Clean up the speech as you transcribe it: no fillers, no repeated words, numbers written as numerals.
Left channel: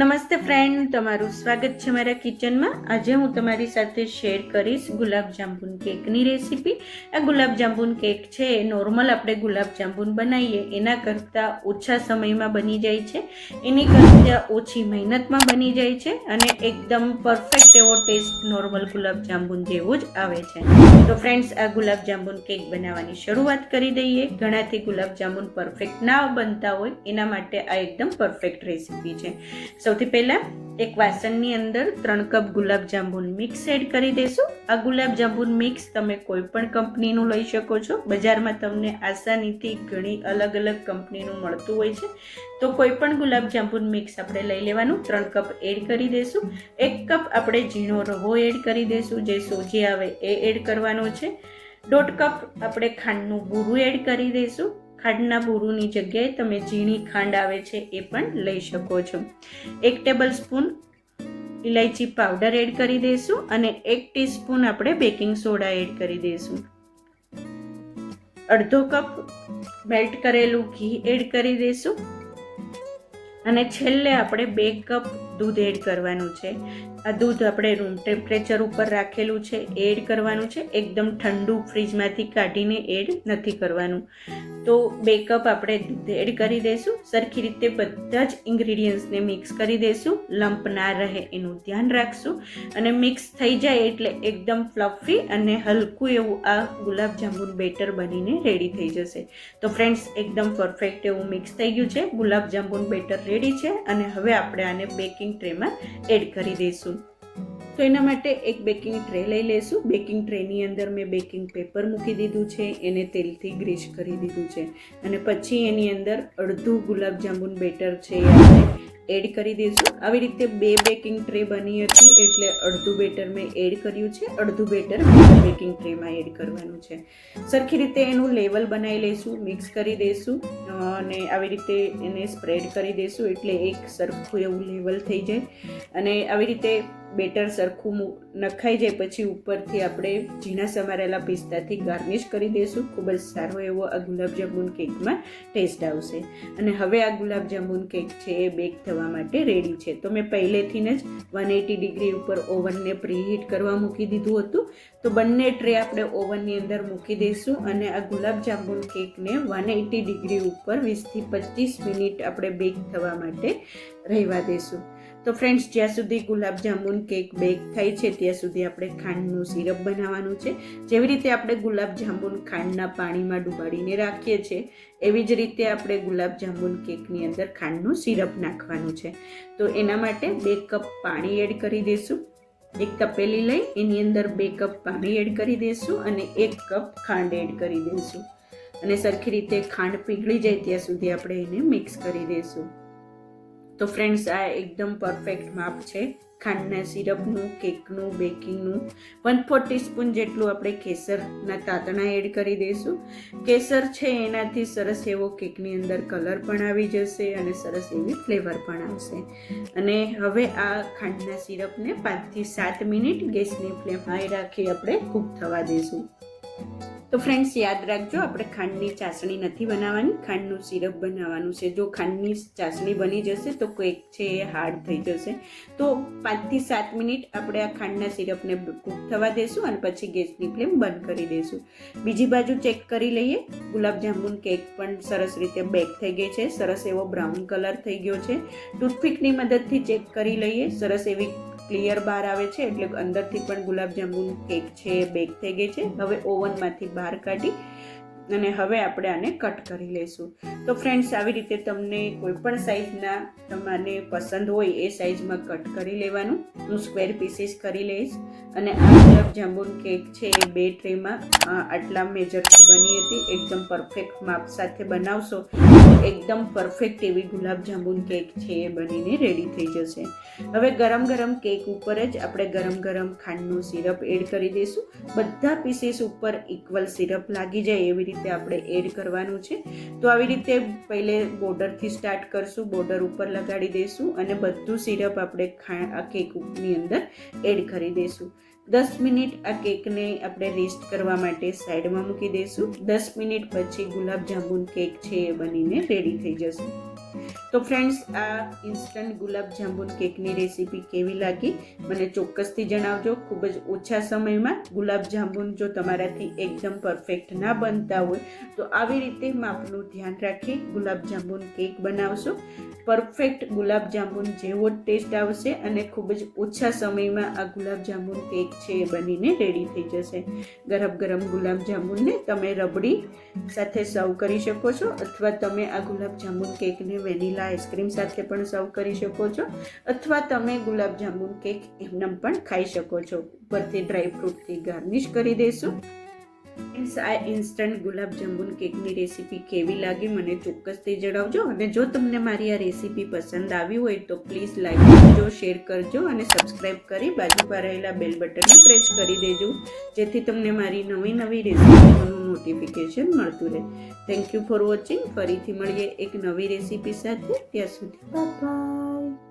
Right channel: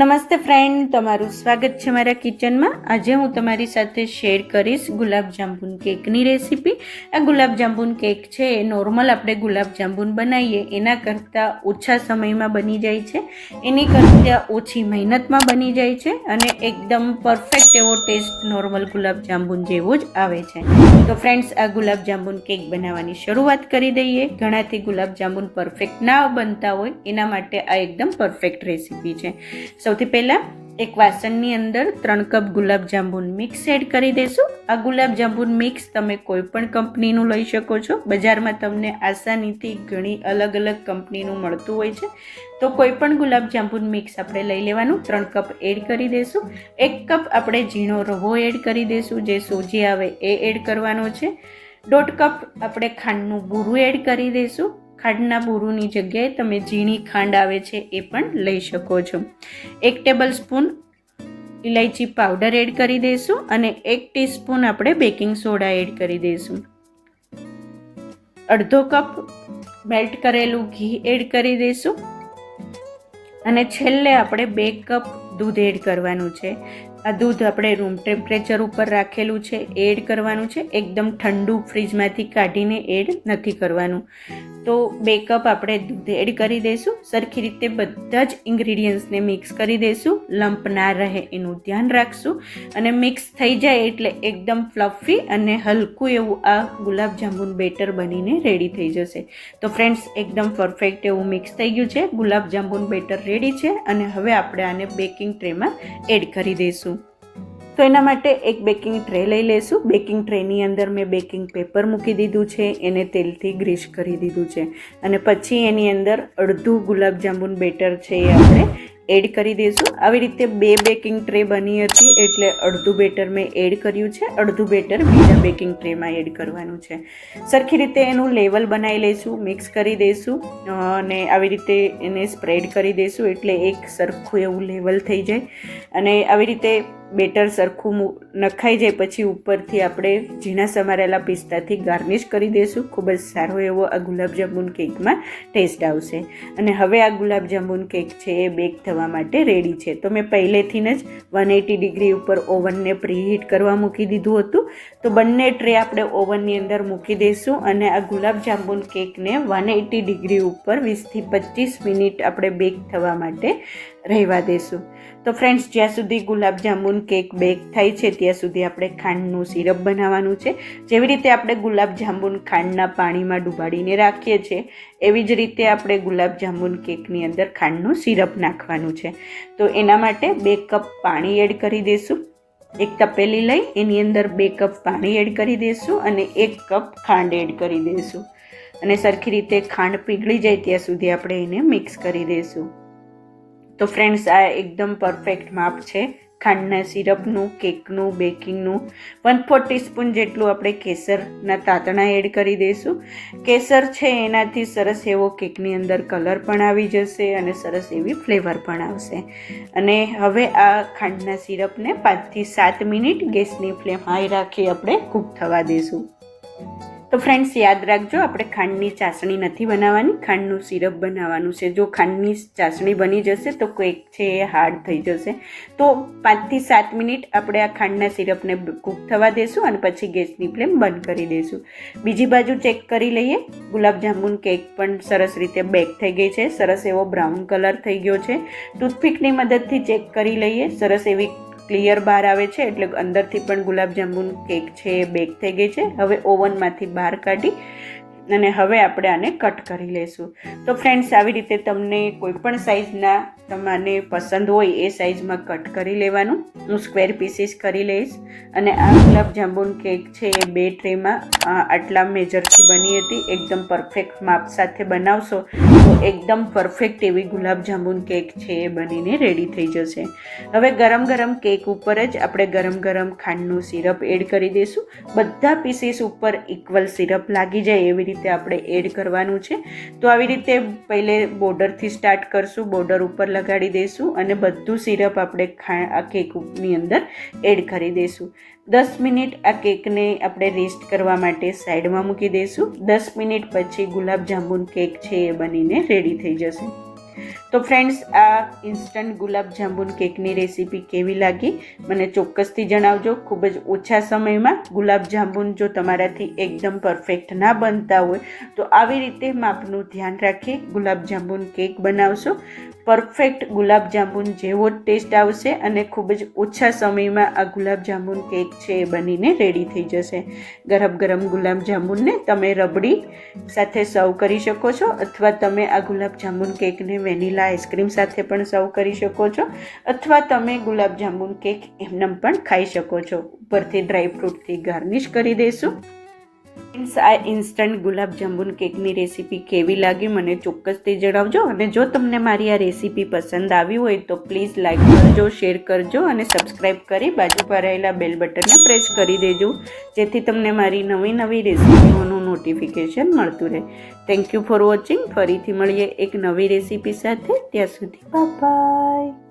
નમસ્તે ફ્રેન્ડ, તમારું સ્વાગત છે મારા કિચનમાં. આજે હું તમારી સાથે શેર કરીશ ગુલાબજાંબુન કેકની રેસીપી. આ ગુલાબજાંબુન કેક છે એ નોર્મલ આપણે ગુલાબજાંબુન બનાવીએ એના કરતાં ઓછા સમયમાં બની જાય છે, એની કરતાં ઓછી મહેનતમાં બની જાય છે અને એકદમ પરફેક્ટ એવો ટેસ્ટ નોર્મલ ગુલાબજાંબુન જેવો જ આવે છે. તો ફ્રેન્ડ્સ, આ ગુલાબજાંબુન કેક બનાવવાની શરૂઆત કરી દઈએ. ઘણાથી ગુલાબજાંબુન પરફેક્ટ ના બનતા હોય એના માટે આ એકદમ પરફેક્ટ રેસીપી છે. સૌથી પહેલાં એક વાસણની અંદર 3 કપ ગુલાબજાંબુન મિક્સ એડ કરી દઈશું. આ ગુલાબજાંબુન મિક્સ તમે કોઈ પણ કંપનીનું લઈ શકો છો. બજારમાં તમને આસાનીથી ઘણી અલગ અલગ કંપનીનું મળતું હોય છે, તો કોઈ પણ ગુલાબજાંબુન મિક્સ આપણે લઈ લેવાનું. 3 કપ એડ કરી દઈશું. 1 કપ આપણે ઝીણો રવો એડ કરી દઈશું, જે સોજી આવે એ એડ કરવાનો છે. 1.5 કપ આપણે ખાંડનું બૂરું એડ કરી દઈશું. ખાંડના બૂરુની જગ્યાએ તમે ઝીણી ખાંડ આવે છે એ પણ લઈ શકો છો. 1 ટેબલ સ્પૂન ઇલાયચી પાવડર એડ કરી દઈશું અને 1 ટીસ્પૂન આપણે બેકિંગ સોડા એડ કરી દઈશું. 1/2 કપ મેલ્ટ કરેલું ઘી એડ કરી દઈશું અને છેલ્લે આપણે 2 કપ દૂધ એડ કરવાનું છે. આ દૂધ આપણે રૂમ ટેમ્પરેચર ઉપર રાખેલું છે એડ કરવાનું છે. એકદમ ઠંડુ ફ્રીજમાંથી કાઢીને એડ નથી કરવાનું. તો 2 કપ આપણે દૂધ એડ કરી દઈશું. સરખી રીતે બધા જ ઇન્ગ્રીડિયન્ટ્સને મિક્સ કરી દઈશું. લમ્પ ના રહે એનું ધ્યાન રાખશું અને મિક્સ થઈ જાય એટલે એકદમ ફ્લફી અને હલકું એવું આ ગુલાબજાંબુન બેટર બનીને રેડી થઈ જશે. તો ફ્રેન્ડ્સ, એકદમ પરફેક્ટ એવું મિક્સ થઈ ગયું છે. ગુલાબજાંબુન બેટર રેડી છે અને હવે આપણે આને બેકિંગ ટ્રેમાં એડ કરી દઈશું. તો એના માટે એક બેકિંગ ટ્રે લઈ લઈશું. બેકિંગ ટ્રેની અંદર મેં બેકિંગ પેપર મૂકી દીધું છે, એને તેલથી ગ્રીસ કરી દીધું છે અને પછી એની અંદર અડધું ગુલાબજાંબુન બેટર છે એ આપણે એડ કરી દઈશું. આવી રીતે 2 બેકિંગ ટ્રે બની હતી એટલે અડધું બેટર મેં એડ કર્યું છે, અડધું બેટર બીજા બેકિંગ ટ્રેમાં એડ કરવાનું છે. સરખી રીતે એનું લેવલ બનાવી લઈશું, મિક્સ કરી દઈશું અને આવી રીતે એને સ્પ્રેડ કરી દઈશું એટલે એક સરખું એવું લેવલ થઈ જાય. અને આવી રીતે બેટર સરખું નખાઈ જાય પછી ઉપરથી આપણે ઝીણા સમારેલા પિસ્તાથી ગાર્નિશ કરી દઈશું. ખૂબ જ સારો એવો આ ગુલાબજાંબુન કેકમાં ટેસ્ટ આવશે. અને હવે આ ગુલાબજાંબુન કેક છે એ બેક થવા માટે રેડી છે. તો મેં પહેલેથી જ 180 ડિગ્રી ઉપર ઓવનને પ્રીહીટ કરવા મૂકી દીધું હતું. તો બંને ટ્રે આપણે ઓવનની અંદર મૂકી દઈશું અને આ ગુલાબજાંબુન કેકને 180 ડિગ્રી ઉપર 20થી 25 મિનિટ આપણે બેક થવા માટે રહેવા દઈશું. તો ફ્રેન્ડ્સ, જ્યાં સુધી ગુલાબજાંબુન કેક બેક થાય છે ત્યાં સુધી આપણે ખાંડનું સિરપ બનાવવાનું છે. જેવી રીતે આપણે ગુલાબજાંબુન ખાંડના પાણીમાં ડુબાડીને રાખીએ છીએ એવી જ રીતે આપણે ગુલાબજાંબુન કેકની અંદર ખાંડનું સિરપ નાખવાનું છે. તો એના માટે 2 કપ પાણી એડ કરી દઈશું. એક તપેલી લઈ એની અંદર 2 કપ પાણી એડ કરી દઈશું અને 1 કપ ખાંડ એડ કરી દઈશું અને સરખી રીતે ખાંડ પીગળી જાય ત્યાં સુધી આપણે એને મિક્સ કરી દઈશું. તો ફ્રેન્ડ્સ, આ એકદમ પરફેક્ટ માપ છે ખાંડના સિરપનું, કેકનું, બેકિંગનું. 1/4 ટીસ્પૂન જેટલું આપણે કેસરના તાતણા એડ કરી દઈશું. કેસર છે એનાથી સરસ એવો કેકની અંદર કલર પણ આવી જશે અને સરસ એવી ફ્લેવર પણ આવશે. અને હવે આ ખાંડના સિરપને 5થી 7 મિનિટ ગેસની ફ્લેમ હાઈ રાખી આપણે કૂક થવા દઈશું. તો ફ્રેન્ડ્સ, યાદ રાખજો, આપણે ખાંડની ચાસણી નથી બનાવવાની, ખાંડનું સિરપ બનાવવાનું છે. જો ખાંડની ચાસણી બની જશે તો કેક છે એ હાર્ડ થઈ જશે. તો 5થી 7 મિનિટ આપણે આ ખાંડના સિરપને કૂક થવા દઈશું અને પછી ગેસની ફ્લેમ બંધ કરી દઈશું. બીજી બાજુ ચેક કરી લઈએ. ગુલાબજાંબુન કેક પણ સરસ રીતે બેક થઈ ગઈ છે. સરસ એવો બ્રાઉન કલર થઈ ગયો છે. ટૂથપીકની મદદથી ચેક કરી લઈએ. સરસ એવી ક્લિયર બહાર આવે છે એટલે અંદરથી પણ ગુલાબજાંબુન કેક છે એ બેક થઈ ગઈ છે. હવે ઓવનમાંથી બહાર કાઢી અને હવે આપણે આને કટ કરી લઈશું. તો ફ્રેન્ડ્સ, આવી રીતે તમને કોઈ પણ સાઇઝના તમને પસંદ હોય એ સાઇઝમાં કટ કરી લેવાનું. હું સ્ક્વેર પીસીસ કરી લઈશ અને આ ગુલાબજાંબુન કેક છે એ 2 ટ્રેમાં આટલા મેજરથી બની હતી. એકદમ પરફેક્ટ માપ સાથે બનાવશો તો એકદમ પરફેક્ટ એવી ગુલાબજાંબુન કેક છે એ બનીને રેડી થઈ જશે. હવે ગરમ ગરમ કેક ઉપર જ આપણે ગરમ ગરમ ખાંડનું સિરપ એડ કરી દઈશું. બધા પીસીસ ઉપર ઇક્વલ સિરપ લાગી જાય એવી રીતે આપણે એડ કરવાનું છે. તો આવી રીતે પહેલે બોર્ડરથી સ્ટાર્ટ કરશું, બોર્ડર ઉપર લગાડી દઈશું અને બધું સિરપ આપણે આ કેકની અંદર એડ કરી દઈશું. 10 મિનિટ આ કેકને આપણે રેસ્ટ કરવા માટે સાઈડમાં મૂકી દઈશું. 10 મિનિટ પછી ગુલાબજાંબુન કેક છે એ બનીને રેડી થઈ જશે. તો ફ્રેન્ડ્સ, આ ઇન્સ્ટન્ટ ગુલાબ જાંબુન કેકની રેસીપી કેવી લાગી મને ચોક્કસથી જણાવજો. ખૂબ જ ઓછા સમયમાં ગુલાબ જાંબુન જો તમારાથી એકદમ પરફેક્ટ ના બનતા હોય તો આવી રીતે માપનું ધ્યાન રાખી ગુલાબ જાંબુન કેક બનાવશો. પરફેક્ટ ગુલાબ જાંબુન જેવો જ ટેસ્ટ આવશે અને ખૂબ જ ઓછા સમયમાં આ ગુલાબ જાંબુન કેક છે એ બનીને રેડી થઈ જશે. ગરમ ગરમ ગુલાબ જાંબુનને તમે રબડી સાથે સર્વ કરી શકો છો, અથવા તમે આ ગુલાબ જાંબુન કેકને વેનીલા આઈસ્ક્રીમ સાથે પણ સર્વ કરી શકો છો, અથવા તમે ગુલાબ જાંબુન કેક એમનેમ પણ ખાઈ શકો છો. ઉપરથી ડ્રાયફ્રૂટથી ગાર્નિશ કરી દઈશું. આ ઇન્સ્ટન્ટ ગુલાબ જાંબુન કેકની રેસીપી કેવી લાગી મને ચોક્કસથી જણાવજો. અને જો તમને મારી આ રેસીપી પસંદ આવી હોય તો પ્લીઝ લાઈક કરજો, શેર કરજો અને સબસ્ક્રાઈબ કરી બાજુ પર રહેલા બેલ બટનને પ્રેસ કરી દેજો, જેથી તમને મારી નવી નવી રેસીપીઓનું નોટિફિકેશન મળતું રહે. Thank you for watching. ફરીથી મળીએ એક નવી રેસીપી સાથે. ત્યાં સુધી બાય બાય.